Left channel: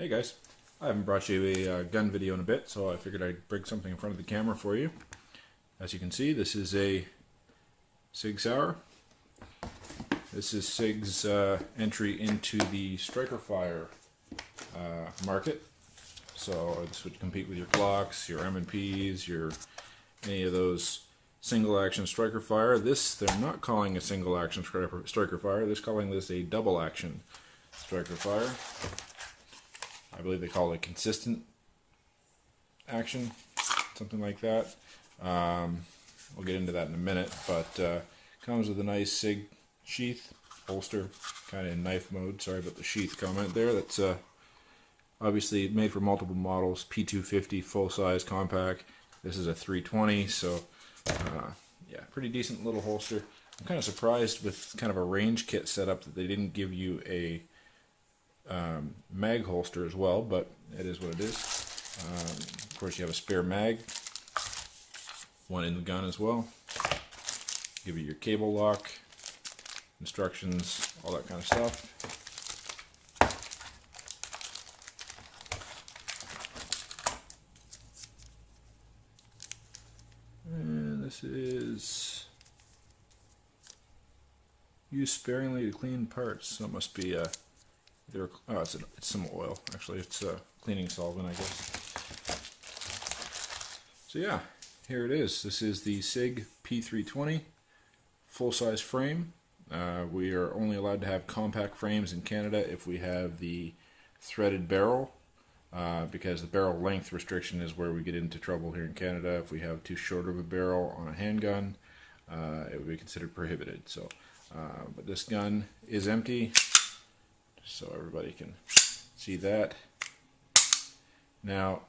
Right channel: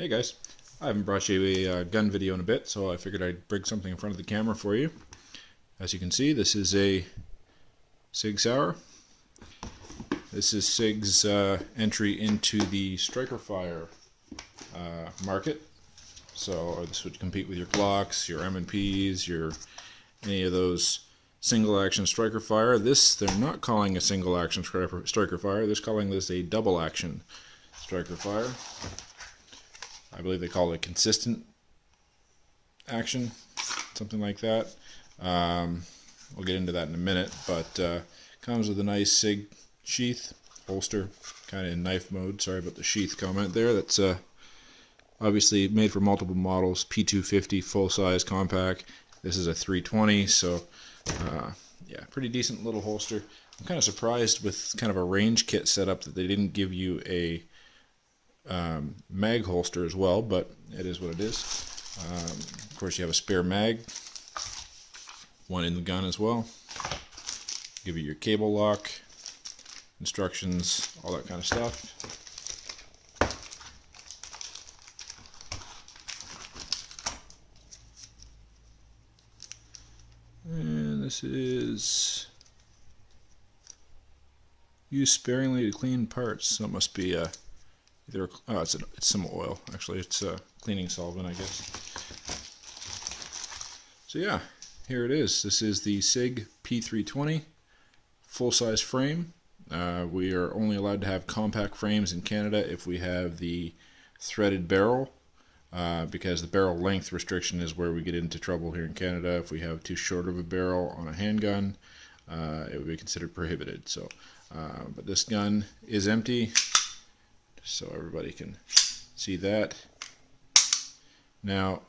Hey guys, I haven't brought you a gun video in a bit, so I figured I'd bring something in front of the camera for you. As you can see, this is a Sig Sauer. This is Sig's entry into the striker fire market. So this would compete with your Glocks, your M&Ps, your any of those single action striker fire. This they're not calling a single action striker fire. They're calling this a double action striker fire. I believe they call it consistent action, something like that. We'll get into that in a minute, but comes with a nice Sig sheath, holster, kind of in knife mode. Sorry about the sheath comment there. That's obviously made for multiple models, P320 full-size compact. This is a 320, so yeah, pretty decent little holster. I'm kind of surprised with kind of a range kit setup that they didn't give you a mag holster as well, but it is what it is. Of course, you have a spare mag, one in the gun as well. Give you your cable lock, instructions, all that kind of stuff. And this is use sparingly to clean parts, so it must be a either, oh, it's some oil. Actually, it's a cleaning solvent, I guess. So yeah, here it is. This is the Sig P320 full-size frame. We are only allowed to have compact frames in Canada if we have the threaded barrel, because the barrel length restriction is where we get into trouble here in Canada. If we have too short of a barrel on a handgun, it would be considered prohibited. So, but this gun is empty, so everybody can see that. Now,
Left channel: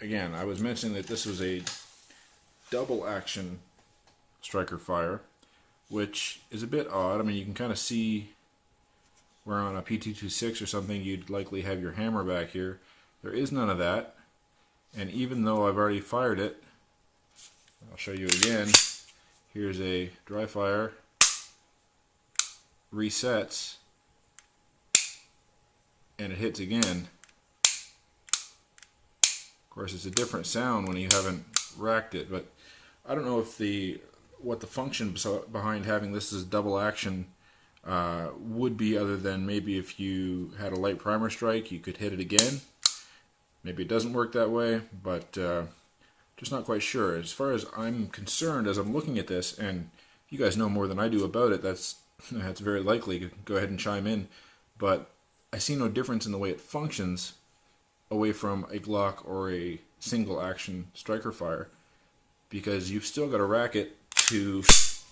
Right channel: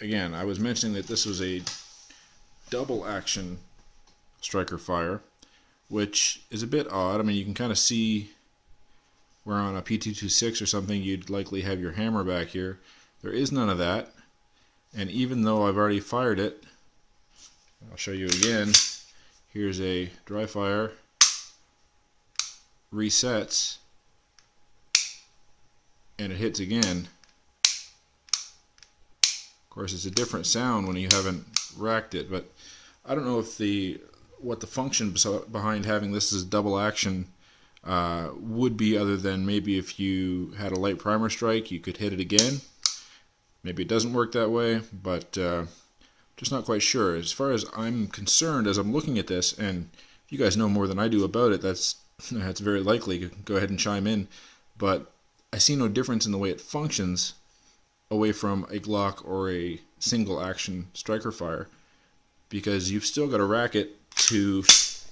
again, I was mentioning that this was a double action striker fire, which is a bit odd. I mean, you can kind of see where on a P226 or something you'd likely have your hammer back here. There is none of that, and even though I've already fired it, I'll show you again. Here's a dry fire, resets, and it hits again. Of course, it's a different sound when you haven't racked it, but I don't know if what the function behind having this as double action would be, other than maybe if you had a light primer strike, you could hit it again. Maybe it doesn't work that way, but just not quite sure. As far as I'm concerned, as I'm looking at this, and if you guys know more than I do about it, that's very likely. You can go ahead and chime in, but I see no difference in the way it functions away from a Glock or a single action striker fire, because you've still got to rack it to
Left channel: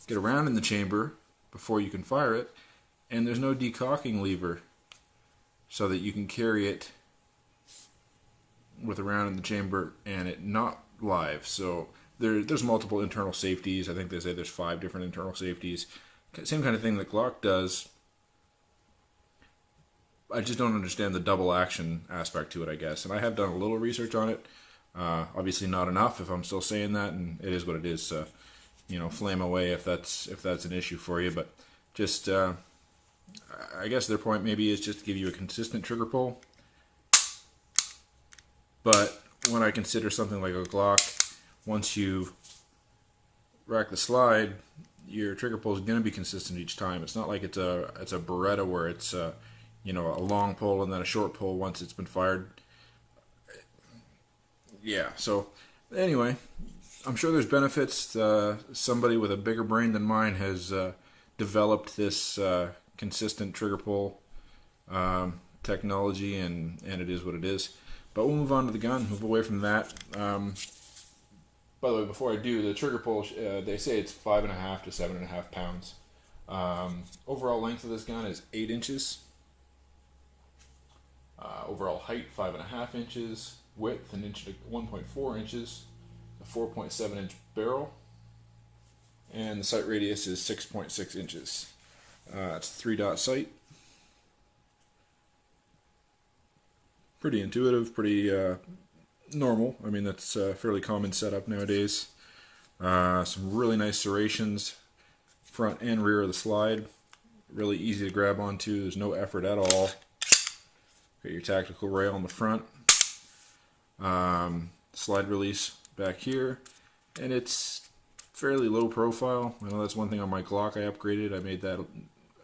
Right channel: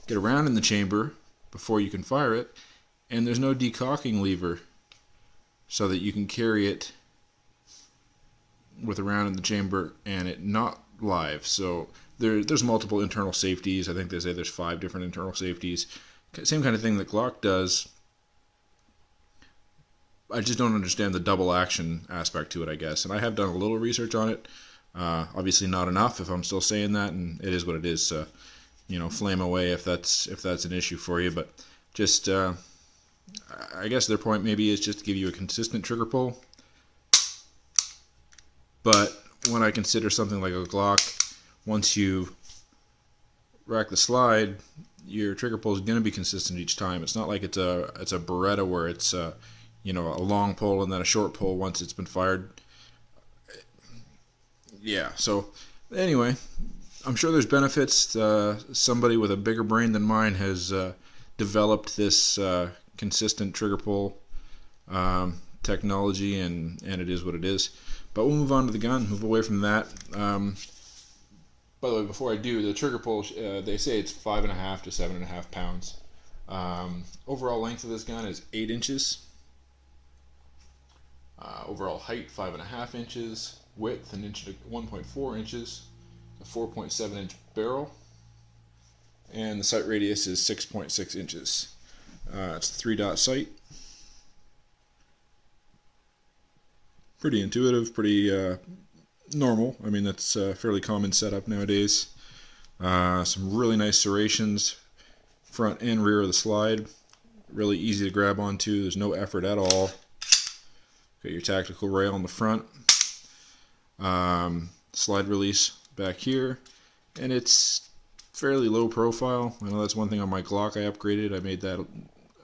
get around in the chamber before you can fire it, and there's no decocking lever so that you can carry it with a round in the chamber and it not live. So there's multiple internal safeties. I think they say there's 5 different internal safeties. Same kind of thing that Glock does. I just don't understand the double action aspect to it, I guess. And I have done a little research on it. Obviously not enough, if I'm still saying that, and it is what it is. So, you know, flame away if that's an issue for you. But just, I guess their point maybe is just to give you a consistent trigger pull. But when I consider something like a Glock, once you rack the slide, your trigger pull is going to be consistent each time. It's not like it's a Beretta where it's you know, a long pull and then a short pull once it's been fired. Yeah, so anyway, I'm sure there's benefits. Somebody with a bigger brain than mine has developed this consistent trigger pull technology, and it is what it is. But we'll move on to the gun, move away from that. By the way, before I do, the trigger pull, they say it's 5.5 to 7.5 pounds. Overall length of this gun is 8 inches. Overall height 5.5 inches, width 1.4 inches, a 4.7 inch barrel, and the sight radius is 6.6 inches. It's a 3-dot sight. Pretty intuitive, pretty normal. I mean, that's a fairly common setup nowadays. Some really nice serrations, front and rear of the slide. Really easy to grab onto. There's no effort at all. Got your tactical rail in the front, slide release back here, and it's fairly low profile. I know that's one thing on my Glock I upgraded. I made that,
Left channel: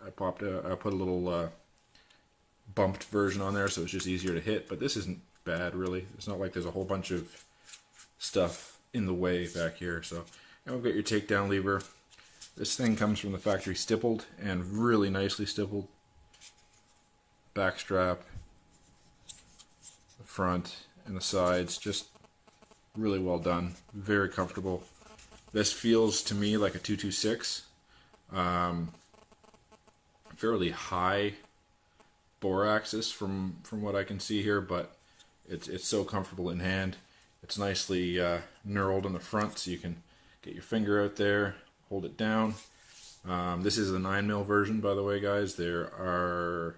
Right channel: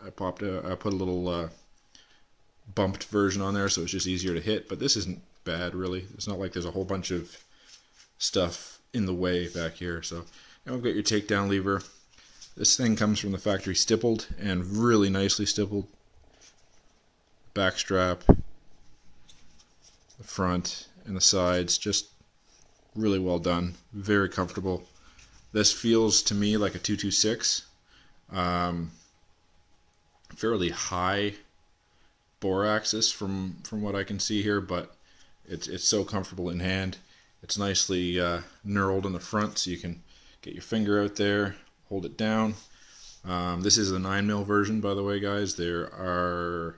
I put a little bumped version on there so it's just easier to hit, but this isn't bad really. It's not like there's a whole bunch of stuff in the way back here. So, and we've got your takedown lever. This thing comes from the factory stippled and really nicely stippled. Back strap, the front and the sides, just really well done, very comfortable. This feels to me like a 226, fairly high bore axis from what I can see here, but it's so comfortable in hand. It's nicely knurled in the front, so you can get your finger out there, hold it down. This is the 9mm version, by the way, guys. There are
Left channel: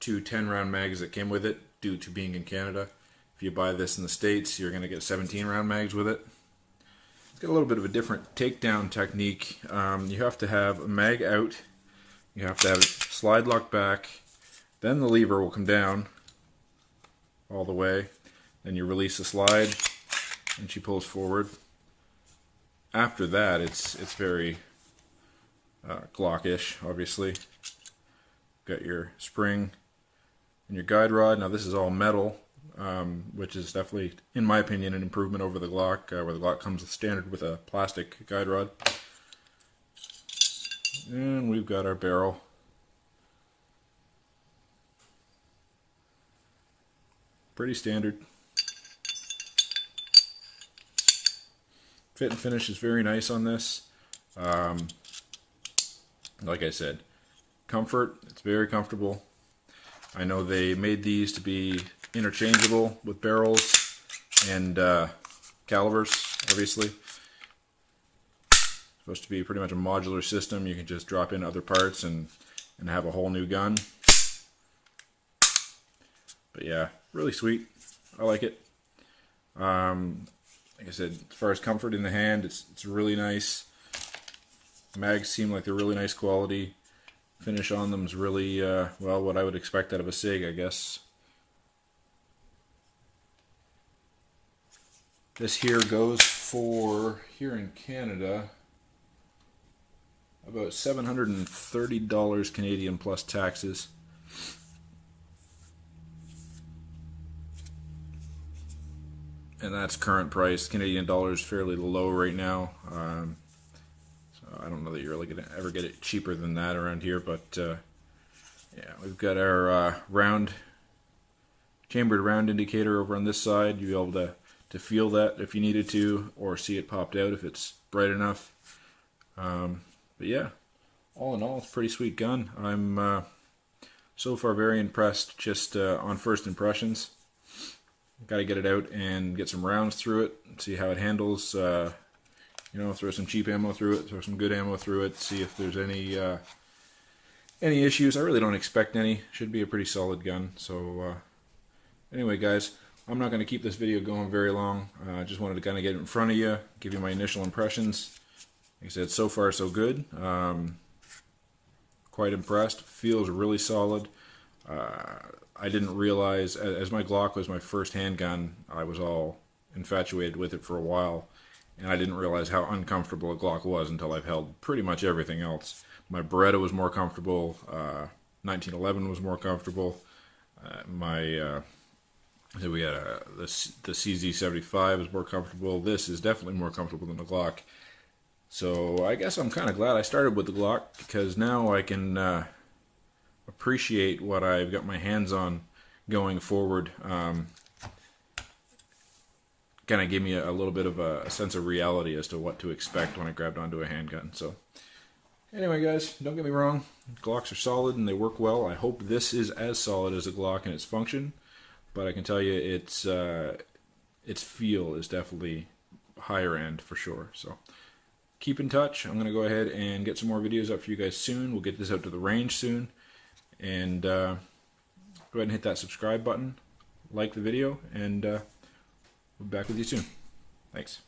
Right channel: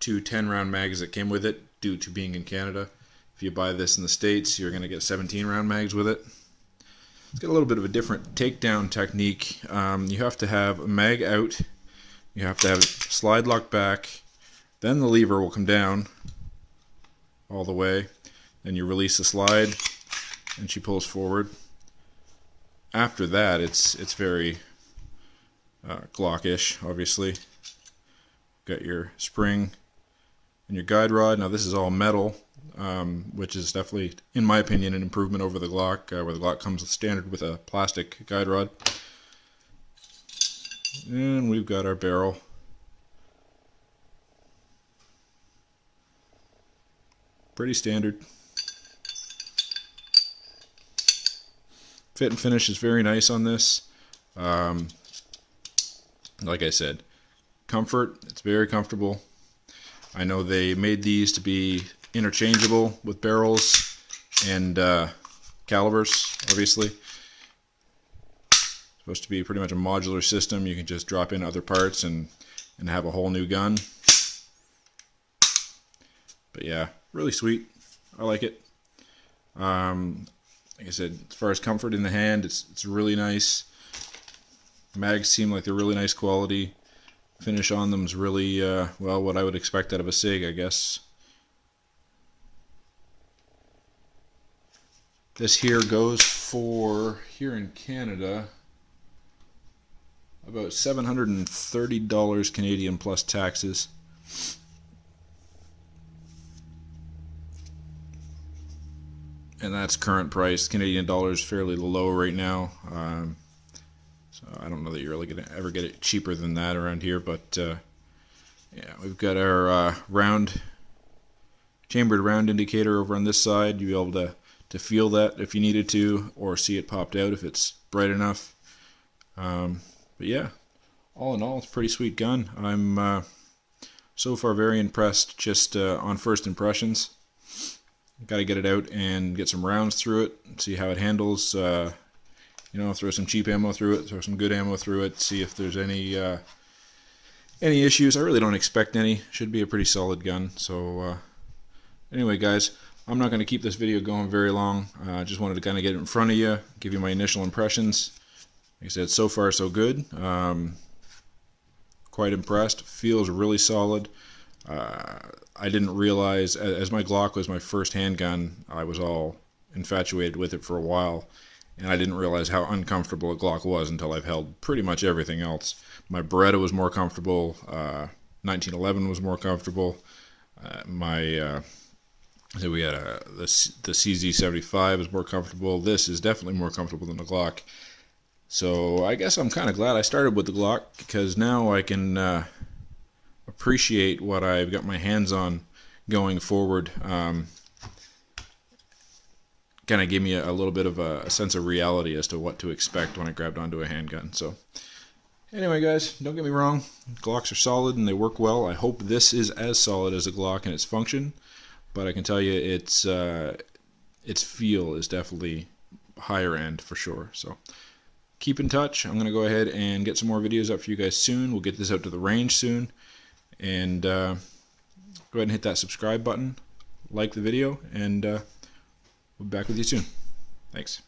2 10-round mags that came with it due to being in Canada. If you buy this in the States, you're going to get 17-round mags with it. It's got a little bit of a different takedown technique. You have to have a mag out, you have to have it slide lock back, then the lever will come down all the way, then you release the slide and she pulls forward. After that, it's very Glock-ish, obviously. Got your spring and your guide rod. Now this is all metal, which is definitely, in my opinion, an improvement over the Glock, where the Glock comes standard with a plastic guide rod. And we've got our barrel. Pretty standard. Fit and finish is very nice on this. Like I said, comfort, it's very comfortable. I know they made these to be interchangeable with barrels and calibers, obviously. It's supposed to be pretty much a modular system. You can just drop in other parts and have a whole new gun. But yeah, really sweet. I like it. Like I said, as far as comfort in the hand, it's really nice. Mags seem like they're really nice quality. Finish on them is really, well, what I would expect out of a SIG, I guess. This here goes for, here in Canada, about $730 Canadian plus taxes. And that's current price. Canadian dollar is fairly low right now. So I don't know that you're really going to ever get it cheaper than that around here. But yeah, we've got our chambered round indicator over on this side. You'll be able to feel that if you needed to, or see it popped out if it's bright enough. But yeah, all in all, it's a pretty sweet gun. I'm so far very impressed just on first impressions. Got to get it out and get some rounds through it, see how it handles. You know, throw some cheap ammo through it, throw some good ammo through it, see if there's any issues. I really don't expect any. Should be a pretty solid gun. So anyway, guys, I'm not going to keep this video going very long. I just wanted to kind of get it in front of you, give you my initial impressions. Like I said, so far so good. Quite impressed. Feels really solid. I didn't realize, as my Glock was my first handgun, I was all infatuated with it for a while, and I didn't realize how uncomfortable a Glock was until I've held pretty much everything else. My Beretta was more comfortable, 1911 was more comfortable, so we had the CZ75 is more comfortable. This is definitely more comfortable than the Glock. So I guess I'm kind of glad I started with the Glock, because now I can appreciate what I've got my hands on going forward. Kind of gave me a little bit of a sense of reality as to what to expect when I grabbed onto a handgun. So anyway, guys, don't get me wrong, Glocks are solid and they work well. I hope this is as solid as a Glock in its function, but I can tell you its feel is definitely higher end for sure. So keep in touch. I'm going to go ahead and get some more videos up for you guys soon. We'll get this out to the range soon. And go ahead and hit that subscribe button, like the video, and we'll be back with you soon. Thanks.